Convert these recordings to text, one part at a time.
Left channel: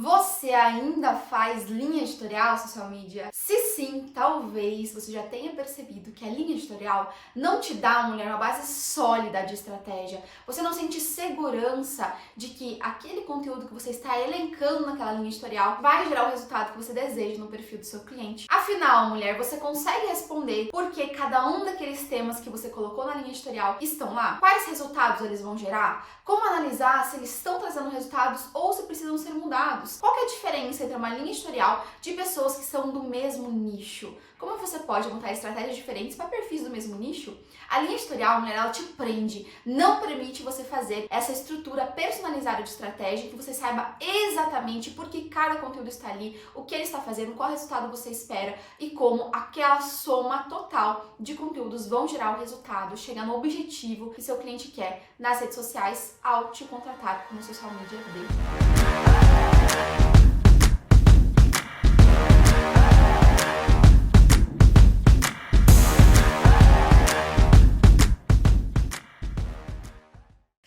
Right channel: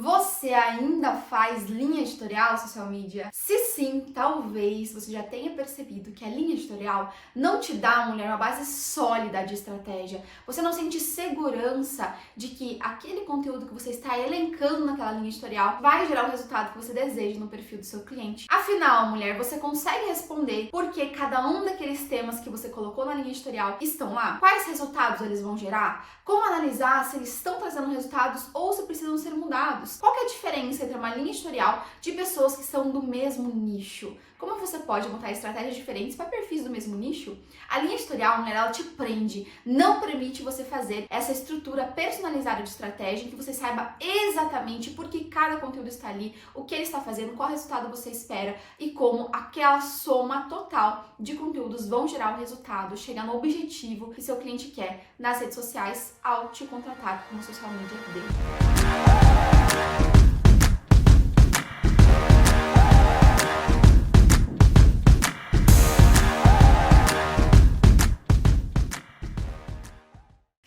Você ainda faz linha editorial social media? Se sim, talvez você já tenha percebido que a linha editorial não te dá, mulher, uma base sólida de estratégia. Você não sente segurança de que aquele conteúdo que você está elencando naquela linha editorial vai gerar o resultado que você deseja no perfil do seu cliente. Afinal, mulher, você consegue responder por que cada um daqueles temas que você colocou na linha editorial estão lá? Quais resultados eles vão gerar? Como analisar se eles estão trazendo resultados ou se precisam ser mudados? Qual que é a diferença entre uma linha editorial de pessoas que são do mesmo nicho? Como você pode montar estratégias diferentes para perfis do mesmo nicho? A linha editorial, mulher, ela te prende, não permite você fazer essa estrutura personalizada de estratégia em que você saiba exatamente por que cada conteúdo está ali, o que ele está fazendo, qual resultado você espera e como aquela soma total de conteúdos vão gerar o resultado, chegar no objetivo que seu cliente quer nas redes sociais ao te contratar como social media dele.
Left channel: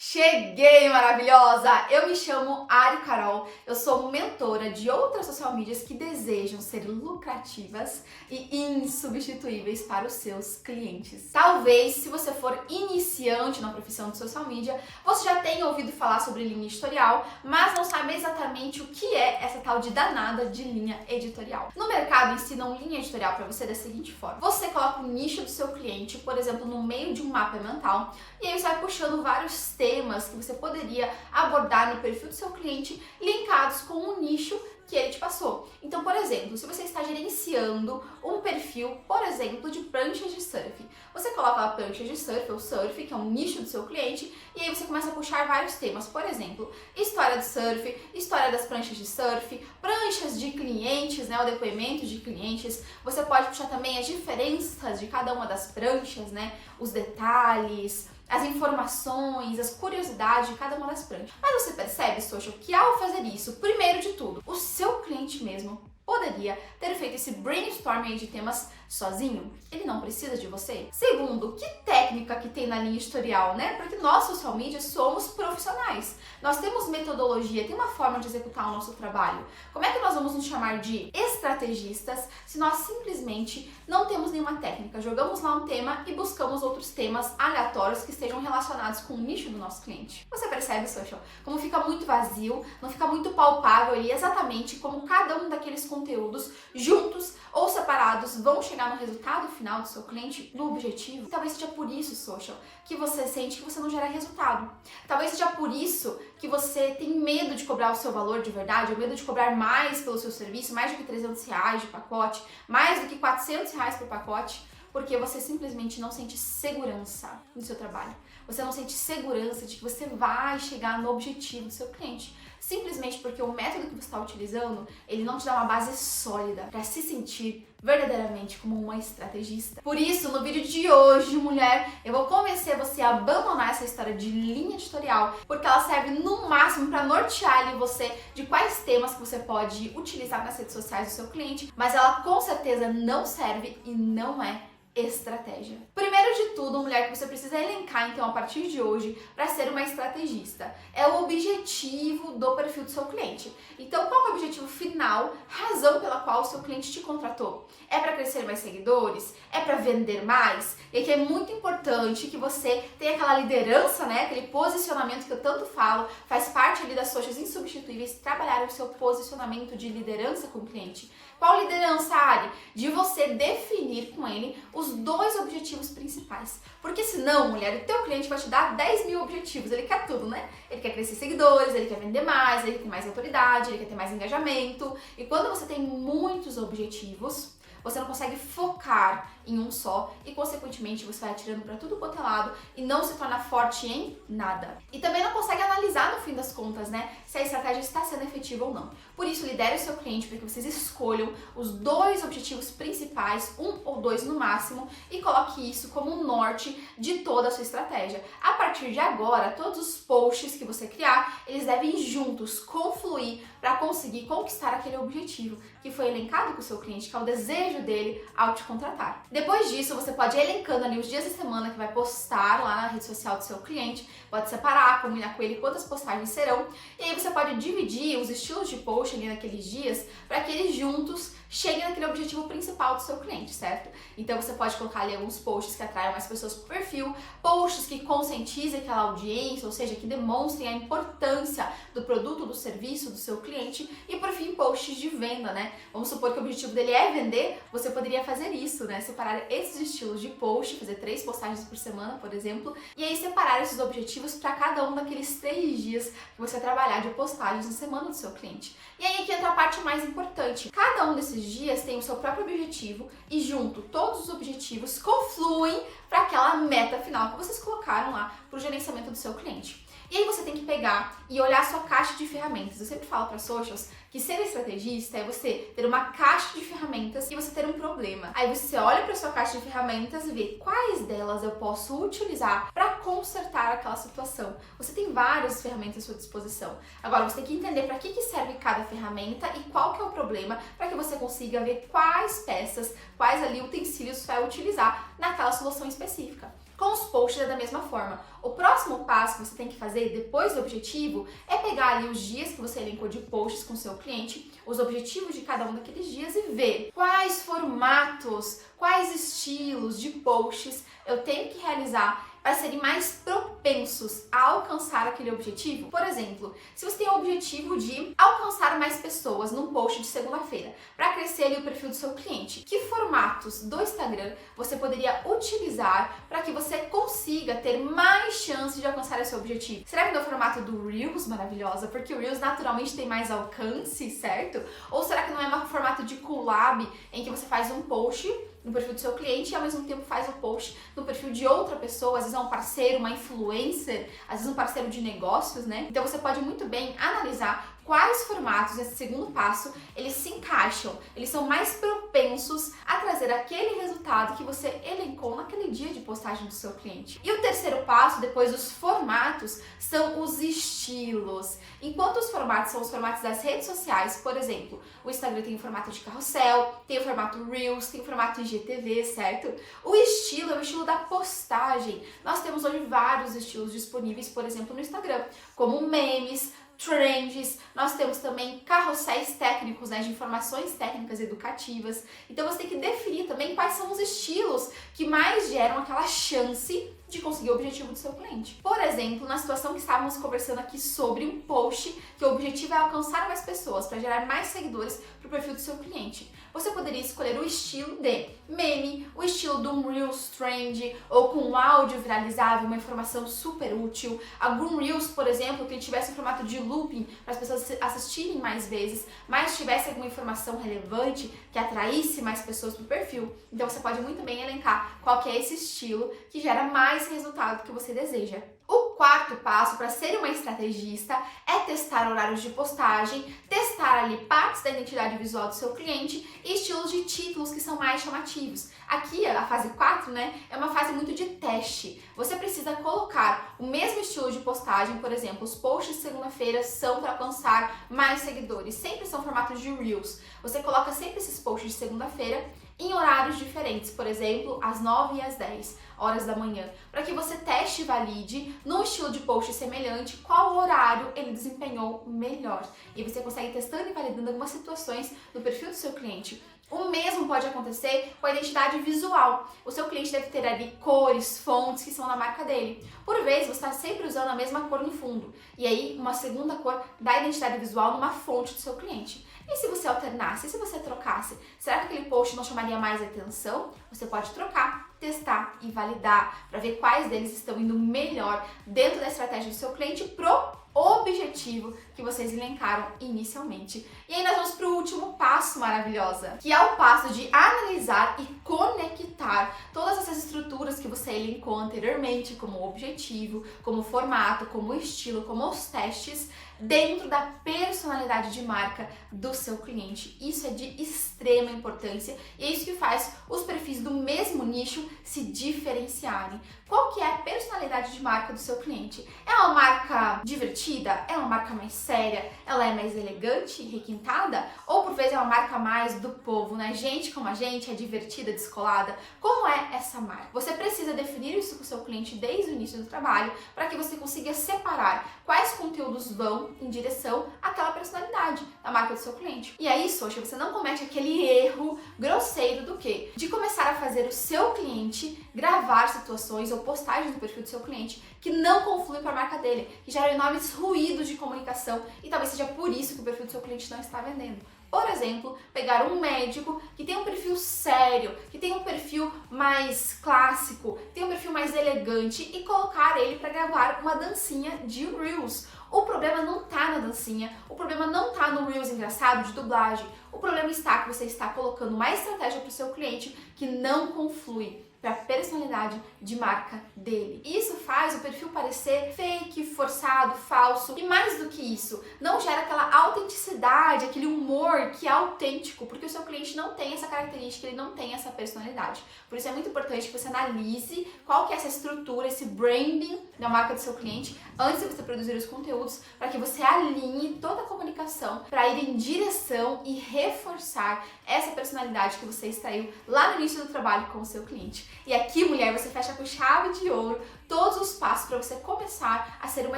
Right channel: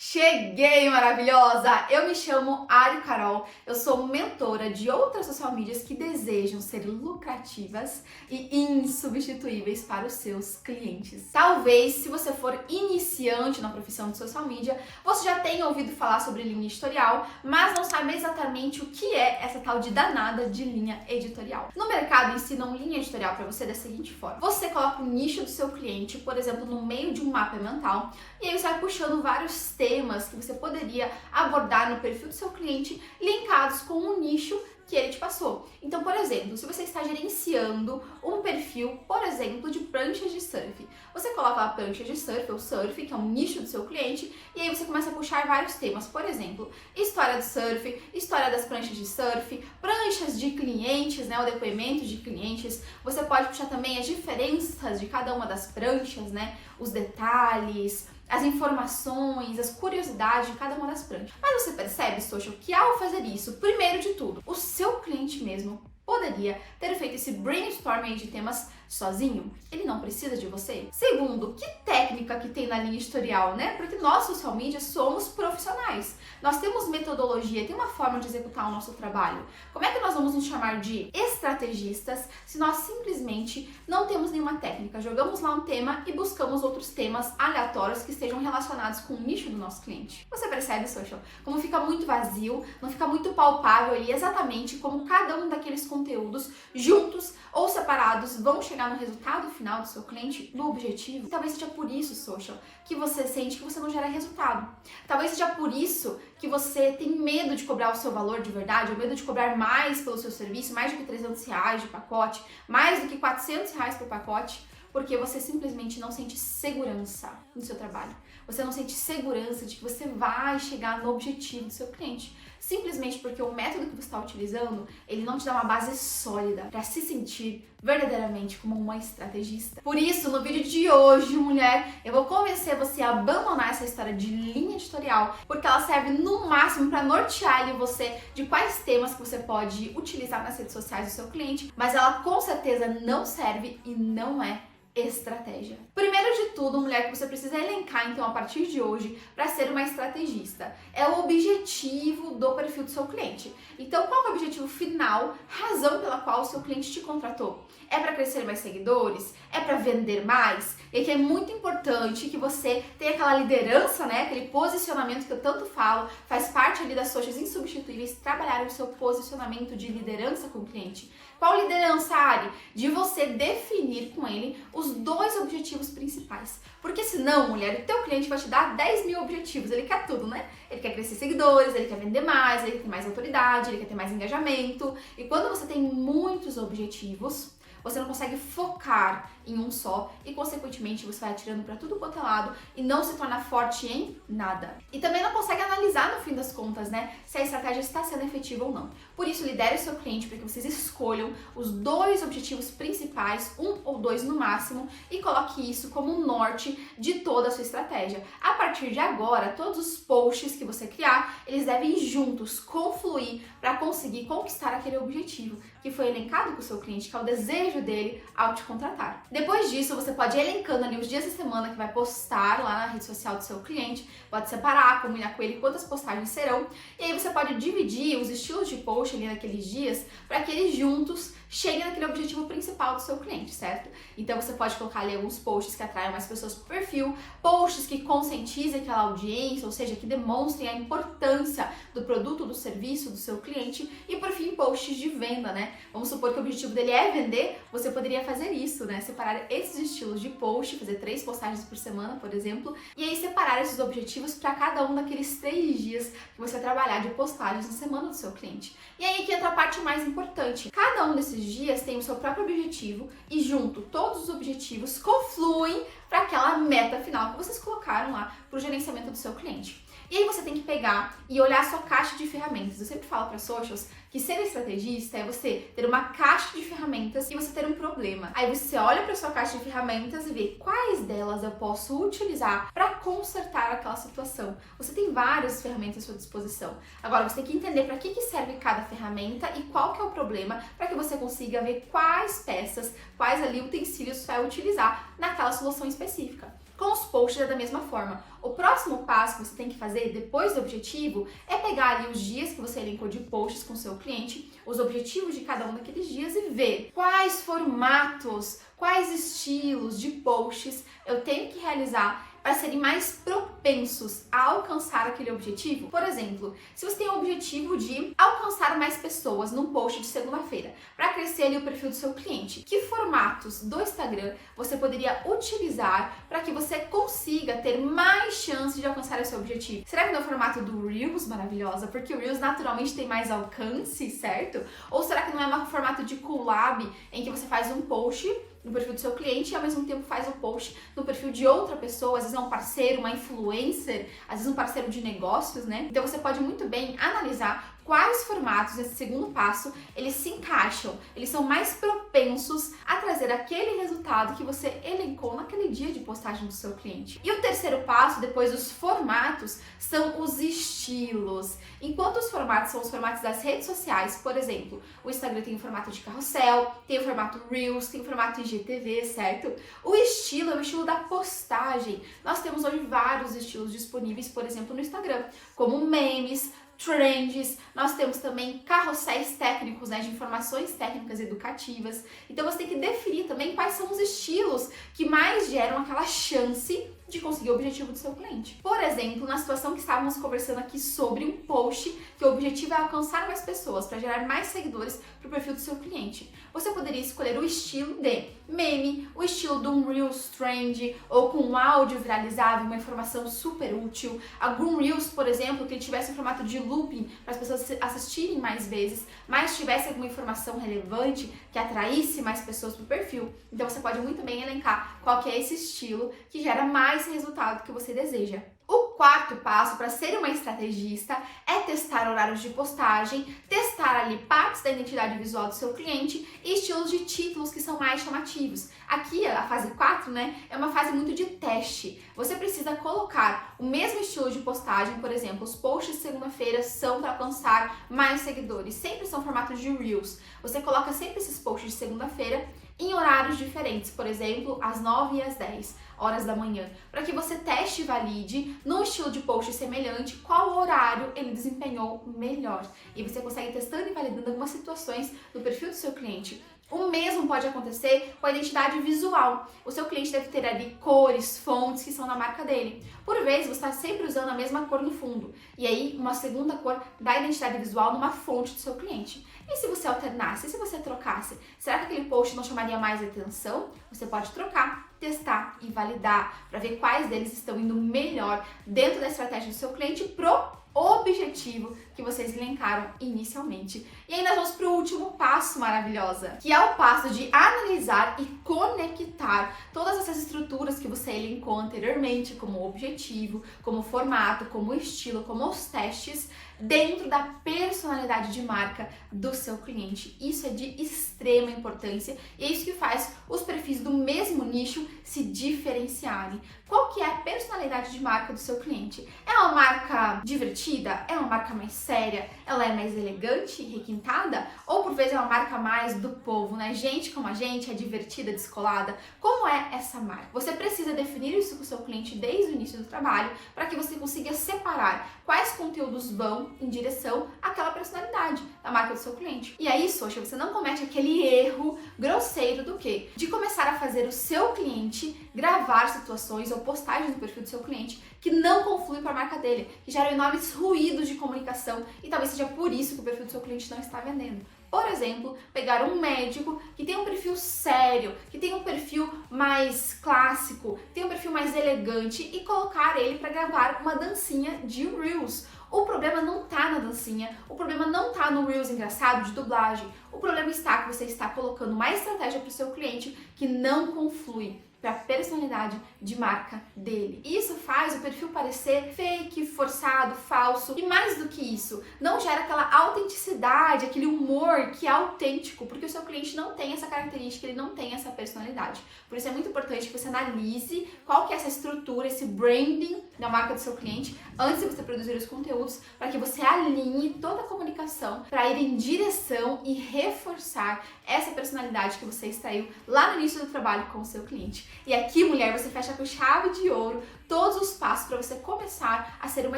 Cheguei, maravilhosa! Eu me chamo Ari Carol, eu sou mentora de outras social medias que desejam ser lucrativas e insubstituíveis para os seus clientes. Talvez, se você for iniciante na profissão de social media, você já tenha ouvido falar sobre linha editorial, mas não sabe exatamente o que é essa tal de danada de linha editorial. No mercado ensinam linha editorial para você da seguinte forma: você coloca o nicho do seu cliente, por exemplo, no meio de um mapa mental, e aí você vai puxando vários temas que você poderia abordar no perfil do seu cliente linkados com o nicho que ele te passou. Então, por exemplo, se você está gerenciando um perfil, por exemplo, de pranchas de surf, você coloca lá pranchas de surf ou surf, que é um nicho do seu cliente, e aí você começa a puxar vários temas, por exemplo, história do surf, história das pranchas de surf, pranchas de clientes, né, o depoimento de clientes. Você pode puxar também as diferenças de cada uma das pranchas, né, os detalhes, as informações, as curiosidades de cada uma das pranchas. Mas você percebe, social, que ao fazer isso, primeiro de tudo, o seu cliente mesmo poderia ter feito esse brainstorming de temas sozinho? Ele não precisa de você? Segundo, que técnica que tem na linha editorial, né? Porque nós, social media, somos profissionais. Nós temos metodologia, tem uma forma de executar o nosso trabalho. Como é que nós vamos nos chamar de estrategistas se nós simplesmente não temos nenhuma técnica? Jogamos lá um tema e buscamos outros temas aleatórios que estejam relacionados com o nicho do nosso cliente. Você percebe, social, como fica muito vazio, não fica muito palpável ali exatamente como cada um daqueles conteúdos juntos ou separados vão chegar no resultado final do seu cliente, no objetivo? Talvez seja por isso, social, que você sente que você não gera resultado. Talvez seja por isso que você tem medo de cobrar o seu valor de verdade, ou medo de cobrar mais pelo seu serviço, mais do que R$300 de pacote, mais do que R$400 por pacote, porque você simplesmente não sente segurança no seu trabalho. Você não sente segurança de que você vai chegar no objetivo do seu cliente. Simplesmente porque o método que você está utilizando, ele não te dá uma base sólida para se sentir verdadeiramente como uma estrategista. Por isso, no vídeo de hoje, mulher, eu vou convencer você a abandonar essa história de linha editorial, porque ela serve no máximo para nortear ali você de quais temas que você pode utilizar nas redes sociais do seu cliente, mas ela com certeza não serve e não é estratégia. Primeiro de tudo, mulher, que você precisa elencar então a partir de hoje para ser uma estrategista é o objetivo do perfil do seu cliente. Então, qual é o objetivo final, razão pela qual o seu cliente te contratou? É para crescer mais seguidores? É para vender mais? E aqui é muito importante que você tenha aquela liderança, né, aquele posicionamento que eu tanto falo, faz parte ali das socials insubstituíveis, trabalhar o seu posicionamento de liderança com o cliente. Qual liderança, Ari? De você definir com ele os dois objetivos principais. Porque senão, mulher, o teu cliente vai te dar 10 mil objetivos. Ele quer tudo, né? Ele quer crescer seguidores, ele quer vender mais, ele quer ter mais autoridade, ele quer ter mais engajamento. E quando você tem muitos objetivos, você não consegue focar em um só e, consequentemente, você vai atirando para tudo quanto é lado e não se torna forte em nada. E também não consegue analisar, no fim das contas, né, se a estratégia está sendo efetiva ou não. Por isso, lidere o seu cliente para que vocês escolham os dois objetivos principais, um ou dois no máximo, e coloque isso como um norte de toda a sua estratégia. A partir de agora, todos os posts que você criar, eles devem juntos confluir para conseguir conquistar aquele objetivo que foi elencado com o seu cliente, que é o desejo desejo dele ao te contratar. Depois disso, você pode ir elencando ali os dias da semana que vai postar lá na rede social do seu cliente, pode separar, combinar com ele quantas postagens serão, e aí você pode dividir os estilos de post ali naqueles dias para que eles juntos cheguem naquele objetivo principal do seu cliente, certo? Então você pode colocar ali alguns posts que atraiam mais pessoas pro perfil, posts que conscientizem aquela audiência, ou seja, que demonstrem a importância do produto, do serviço do seu cliente, e por fim, posts de venda, né? Vamos supor que o objetivo dele é vender, você poderia fazer isso, né? Separar esses estilos de post, fazer 3 postagens por semana, por exemplo, e aí separar esses objetivos para cada um daqueles 3 dias que você trabalhar de postagens na semana do seu cliente. E aí que entra a parte mais importante. Cada um desses dias tem o seu próprio objetivo e junto todos os objetivos confluem para aquela meta final que vocês colocaram lá para o gerenciamento do seu cliente. E aí você tem que pegar e olhar a sua caixa de ferramentas. Eu sempre falo para socials que ser estrategista é você ter uma caixa de ferramentas e você ter um problema. Aí você olha para sua caixa de ferramentas e vê quais delas eu posso utilizar para consertar aquela situação. Você tem várias ferramentas à sua disposição. Agora você tem que entender para que serve cada ferramenta e qual que é o problema para que você consiga ver quais peças, quais ali utensílios você vai utilizar naquela solução específica. Com os posts é da mesma forma. O próximo passo que você tem que fazer depois do objetivo é pegar ali os dias que você elencou de posts com o seu cliente, os objetivos de cada um daqueles dias e ver quais formatos, quais estilos de posts eu tenho que realizar para serem mais propensos a alcançar aquele objetivo. Por exemplo, se você tem o objetivo de alcançar mais pessoas num post de segunda-feira, para crescer ali o perfil do seu cliente, que formatos do Instagram você poderia utilizar para que você consiga ter mais chance de alcançar esse objetivo? Será que no formato do Reels, maravilhosa, porque o Reels naturalmente tem mais alcance, certo? Ou será que não é um formato de collab em que você faz um post no perfil do seu cliente e ao mesmo tempo faz o post no perfil de outra pessoa, às vezes é um parceiro, uma influencer, às vezes um parceiro de negócios, né? Então você pode muito bem analisar quais formatos nesse segundo passo eles se encaixam, eles são mais propensos a trazer aquele resultado que você elencou naquele dia de postagem do seu cliente. E o terceiro passo, depois dos formatos, são os estilos. Enquanto os formatos são os formatos das redes sociais, por exemplo, o Instagram tem o formato de carrossel, tem o formato Reels, tem o formato IGTV, certo? O estilo é o estilo da postagem. Nós temos hoje vários estilos disponíveis, por exemplo, no Instagram, como memes, trends, nós temos também carrosséis técnicos, né, de informações técnicas educativas. Então você tem que definir também quais são os estilos que mais geram aquela chance de conseguir o objetivo do seu cliente. Por exemplo, na situação que estávamos conversando aqui sobre um post que o objetivo é alcançar mais pessoas para gerar mais seguidores para o perfil do seu cliente. Você poderia escolher o estilo de meme, o estilo de um Reels Trend ou com um áudio viralizável, uma informação super útil. Algum Reels, por exemplo, que ele tivesse em formato de looping para as pessoas assistirem mais vezes, mas tivesse alguma informação relevante que atraísse mais pessoas para o perfil. Então você pode muito bem elencar qual que é esse estilo que gera mais resultado que você deseja. O quarto passo para ser uma estrategista é testar horários de postagem, testar ali partes da identidade visual do seu cliente e estilos de títulos que são mais chamativos. Aqui, a fase 4, né, é uma fase muito de teste. Você precisa colocar o mesmo estilo de postagem, por exemplo, os posts de segunda-feira são para alcançar mais seguidores, sempre são formatos de Reels. Você coloca sempre esses posts de segunda-feira em horários diferentes, por exemplo, às 9 e às 10 horas da manhã, para que você teste e valide no estilo de post semelhante qual horário ele desempenhou melhor. E você consegue testando e validando algumas situações no perfil do seu cliente. O mesmo pode acontecer com a identidade visual. O seu cliente deve ter ali cores, fontes que são da marca dele. Por vezes, você está sempre usando a mesma cor no fundo. E aí, uma segunda cor da identidade visual numa fonte do seu cliente. E se você alternasse? E se você trocasse? Será que aquele post não chamaria mais atenção? Você pode trocar, testar e validar para ver quais deles estão indo melhor dentro da estratégia do seu cliente pro objetivo que vocês elencaram inicialmente. E aí nós vamos para o último passo, maravilhosa, que é o passo de analisar e conectar todas essas estruturas que você elencou anteriormente, como objetivo, como formato, como estilo, como os testes, dentro da personalidade de marca do seu cliente. Isso é de extrema importância e é isso que faz os perfis do mesmo nicho se diferenciarem. Qual que é a personalidade de marca do seu cliente? É uma marca divertida? É uma marca mais séria? Ela é mais elegante, requintada? Ou por vezes é uma marca mais do povo, né? Gente como a gente, é divertida, descolada? Como é essa marca? Você precisa definir isso com o seu cliente desde o início do trabalho para que você consiga separar quais conteúdos vão em direção àquela personalidade da marca do seu cliente. E aí, social, você não comete aquele erro grosseiro do quê? De começar a fazer o seu cliente gravar situações ou postagens no perfil do seu cliente que não confluem para a marca dele, que geram enormes ruídos de comunicação e talvez seja por isso que o perfil do seu cliente não está vendendo. Por exemplo, pegar um médico que tem um perfil sério, que tem um perfil mais clássico, tem um perfil mais elegante e colocar ele para gravar uma dancinha de Reels. O problema não tá na dancinha, o problema não tá no Reels engraçado de dublagem. O problema está que você está colocando uma estratégia para o seu cliente que não conflui para a personalidade de marca dele. Isso faz o perfil parecer fake, forçado, falso e mais do que isso, não gera aquela autenticidade, aquele humor que é autêntico, porque o seu cliente não tem essa característica, ele não tem essa personalidade. Por isso é muito importante que você analise qual que é essa estrutura, esse branding da marca do seu cliente antes de você produzir os conteúdos, para que você alinhe toda a comunicação para ir em direção e reforçar essa personalidade que você extraiu lá no início do trabalho com o seu cliente. E aqui, mulher, você fecha com chave de ouro todos os passos para você começar a ser uma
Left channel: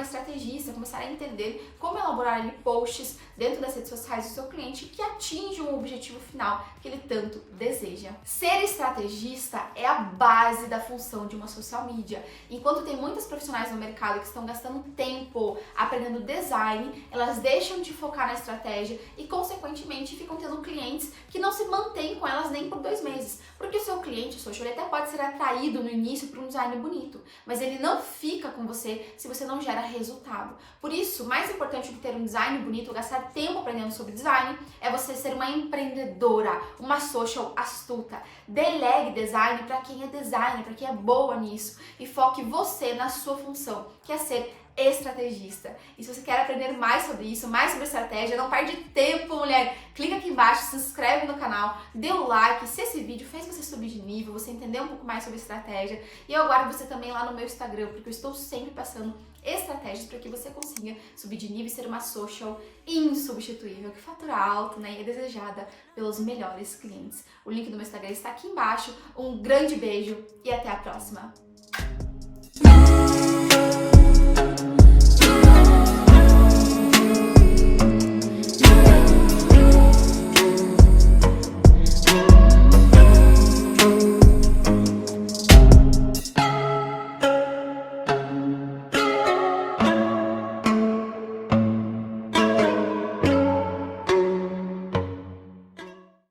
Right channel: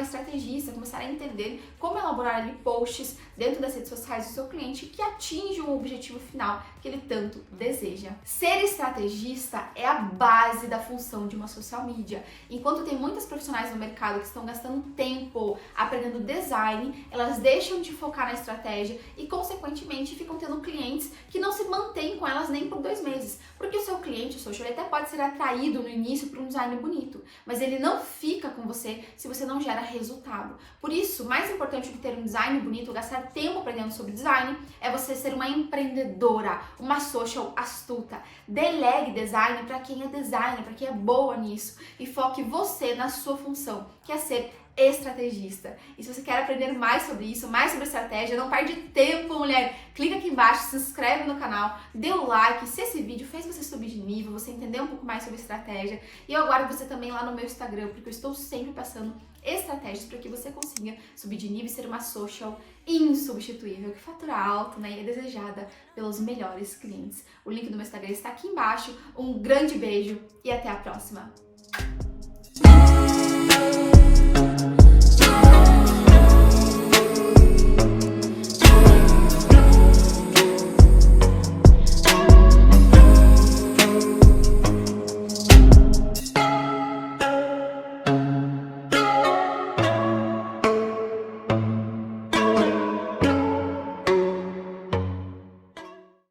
estrategista, começar a entender como elaborar ali posts dentro das redes sociais do seu cliente que atinjam o objetivo final que ele tanto deseja. Ser estrategista é a base da função de uma social media. Enquanto tem muitas profissionais no mercado que estão gastando tempo aprendendo design, elas deixam de focar na estratégia e, consequentemente, ficam tendo clientes que não se mantêm com elas nem por 2 meses. Porque o seu cliente, o social, ele até pode ser atraído no início por um design bonito, mas ele não fica com você se você não gera resultado. Por isso, mais importante do que ter um design bonito, gastar tempo aprendendo sobre design, é você ser uma empreendedora, uma social astuta. Delegue design para quem é designer, para quem é boa nisso e foque você na sua função, que é ser estrategista. E se você quer aprender mais sobre isso, mais sobre estratégia, não perde tempo, mulher. Clica aqui embaixo, se inscreve no canal, dê o like. Se esse vídeo fez você subir de nível, você entender um pouco mais sobre estratégia. E eu aguardo você também lá no meu Instagram, porque eu estou sempre passando estratégias para que você consiga subir de nível e ser uma social insubstituível, que fatura alto, né, e é desejada pelos melhores clientes. O link do meu Instagram está aqui embaixo. Um grande beijo e até a próxima!